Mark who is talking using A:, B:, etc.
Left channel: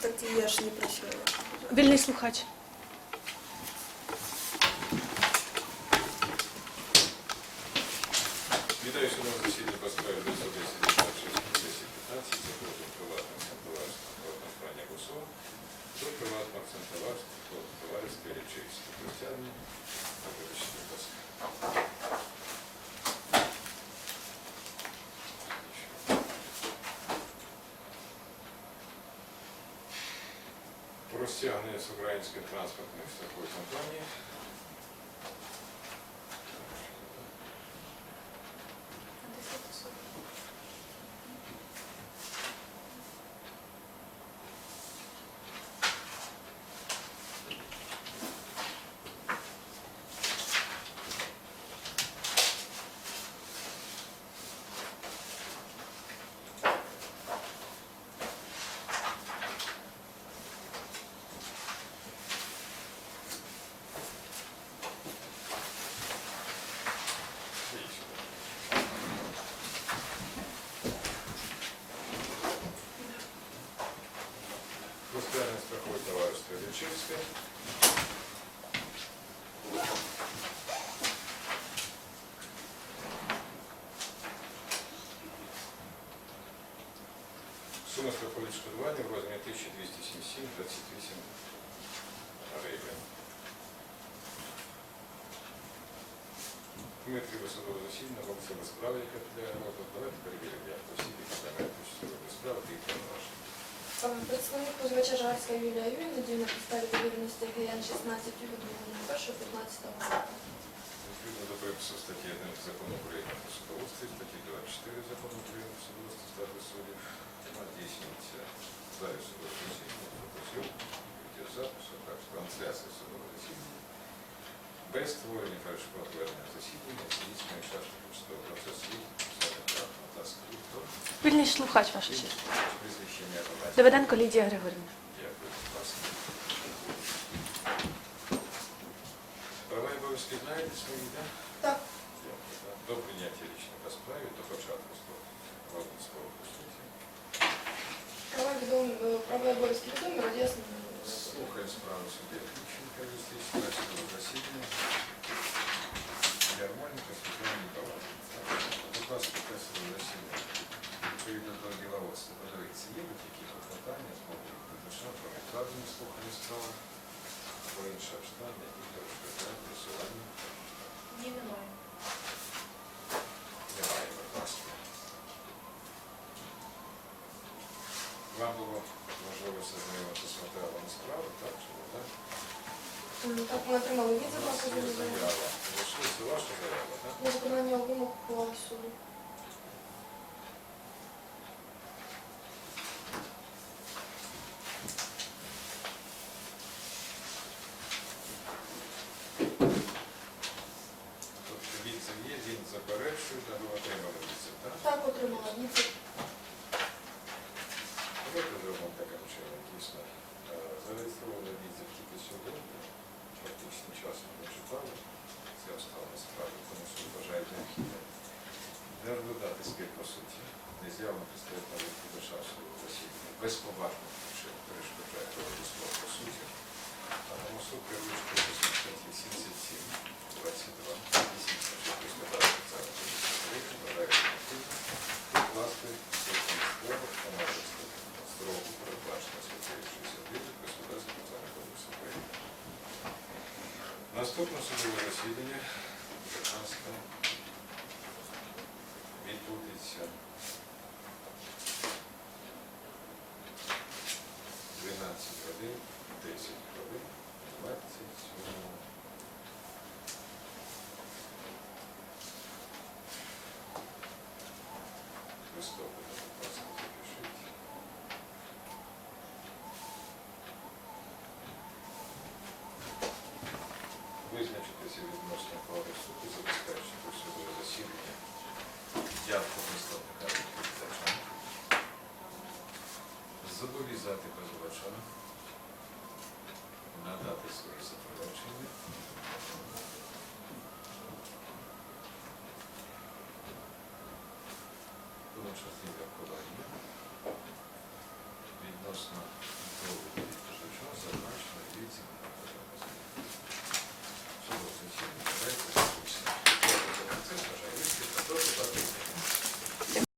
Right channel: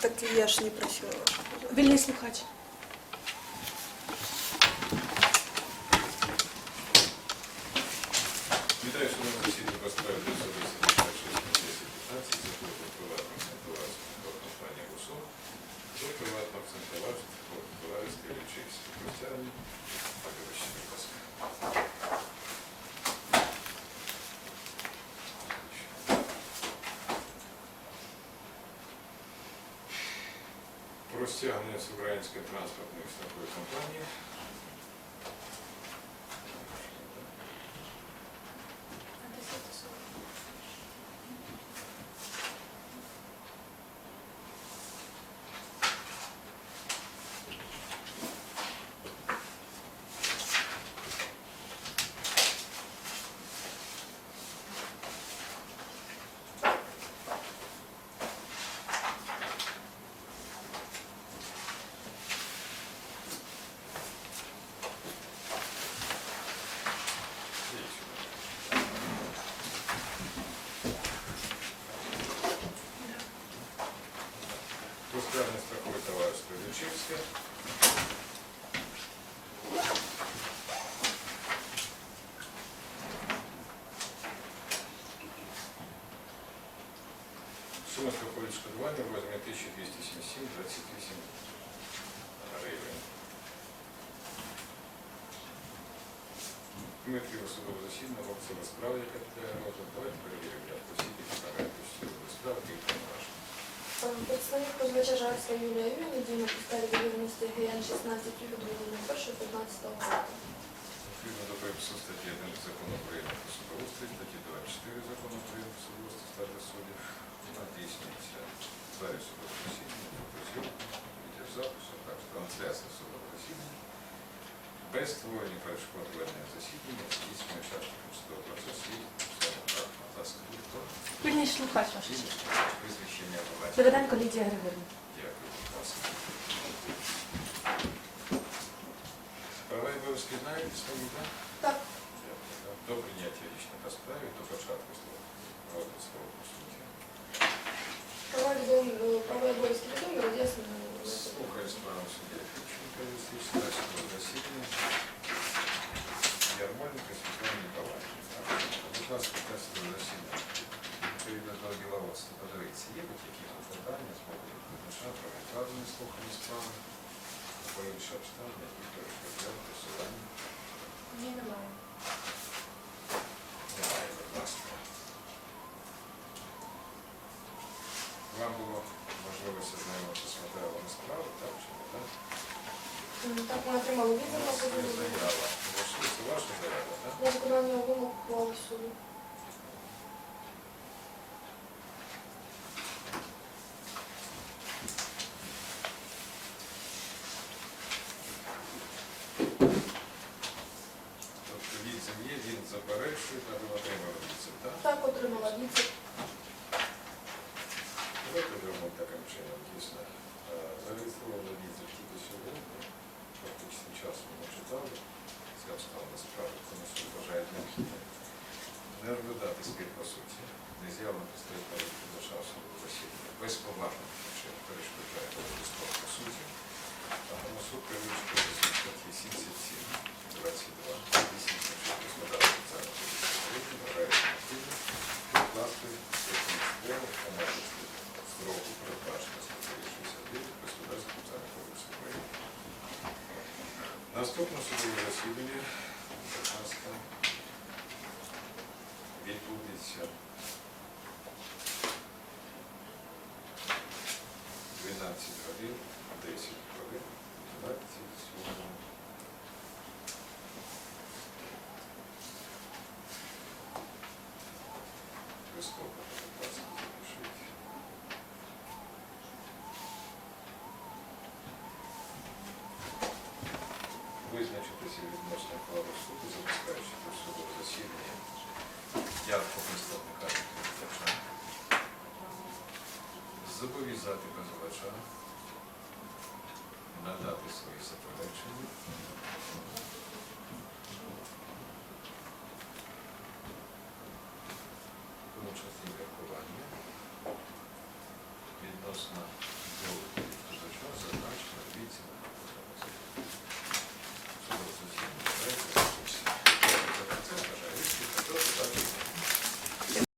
A: Так я ж не просила вашу дозволу.
B: Вільний слухач.
C: Вітаю судом засідання по справі 910 1015 закону приватного акцентоварства компанії ГУСО до приватного акцентоварства товариства Ілічівський. Про стягнення з української транспортної компанії. Лічівське. Сума страхового відшкодування в розмірі 1277 28 гривень. Ми відкрили судове засідання, вам це справа, яка піде розгляд. Давайте перевіримо осіб, які приймають участь у судовій справі, тих повноважень.
D: Представник позивача Жарська Юлія Юрійовна діє на підставі довіреності ГН 16 від 1.15 року.
C: Відповідно до припису статті 1 закону України про судоустрій, статті 24 закону України про судоустрій статус суддів, вона здійснюється залі судового засідання, фотозйомку, відеозапису, так, трансляція судового засідання, без створення перешкод ведення засідання, здійснює учасників судового процесу. Будь ласка, хто?
B: Вільний слухач, ваш честь.
C: Прізвище по батькові.
B: Давиденко Лідія Григорівна.
C: Дякую, будь ласка. Права і обов'язки знаєте свої, так?
D: Так.
C: Дякую. До прийняття рішення по справі, до початку слова. Розгляд справи по суті.
D: Права відомі, е, права і обов'язки відомі, роз'яснені.
C: Слухаю справу судді Фіченка, юстичного судового засідання. Ярмольника Світлана Ніколаївна. Так? Будь ласка, те судове засідання. Відповідно до діловодства, подивіться, є будь-які клопотання з боку відповідача про відкладення слухання справи або інші обставини, які перешкоджають просування
D: Ні, немає.
C: Немає, будь ласка. Вам було можливість ознайомитися з матеріалами справи, так чи не так?
D: Так, ми отримали відзив на
C: заява. Ваша це ваша заява, так?
D: На виконання вимог ухвали суду.
C: Ви отримали відзив, так?
D: Так, отримала відзив.
C: Давайте зробимо таким чином, дійсно. Е, Зареєстровано відзив тільки сьогодні, фактично час ми не читали, ці обставини справи, тому суд вважає необхідним не розглядати спір по суті, не з'явлено представителя відповідача судового засідання, безповажних причин перешкоджає справи по суті, а тому суд статті 77, Наступне судове засідання, будь ласка, відбудеться 12 годин 10 хвилин 27 листопада, будь ласка, запишіть. Визначитися відносно коло суду, забезпечити судове засідання. Явку представника відповідача, зобов'язати позивача надати свої заперечення, числі міркування відносно за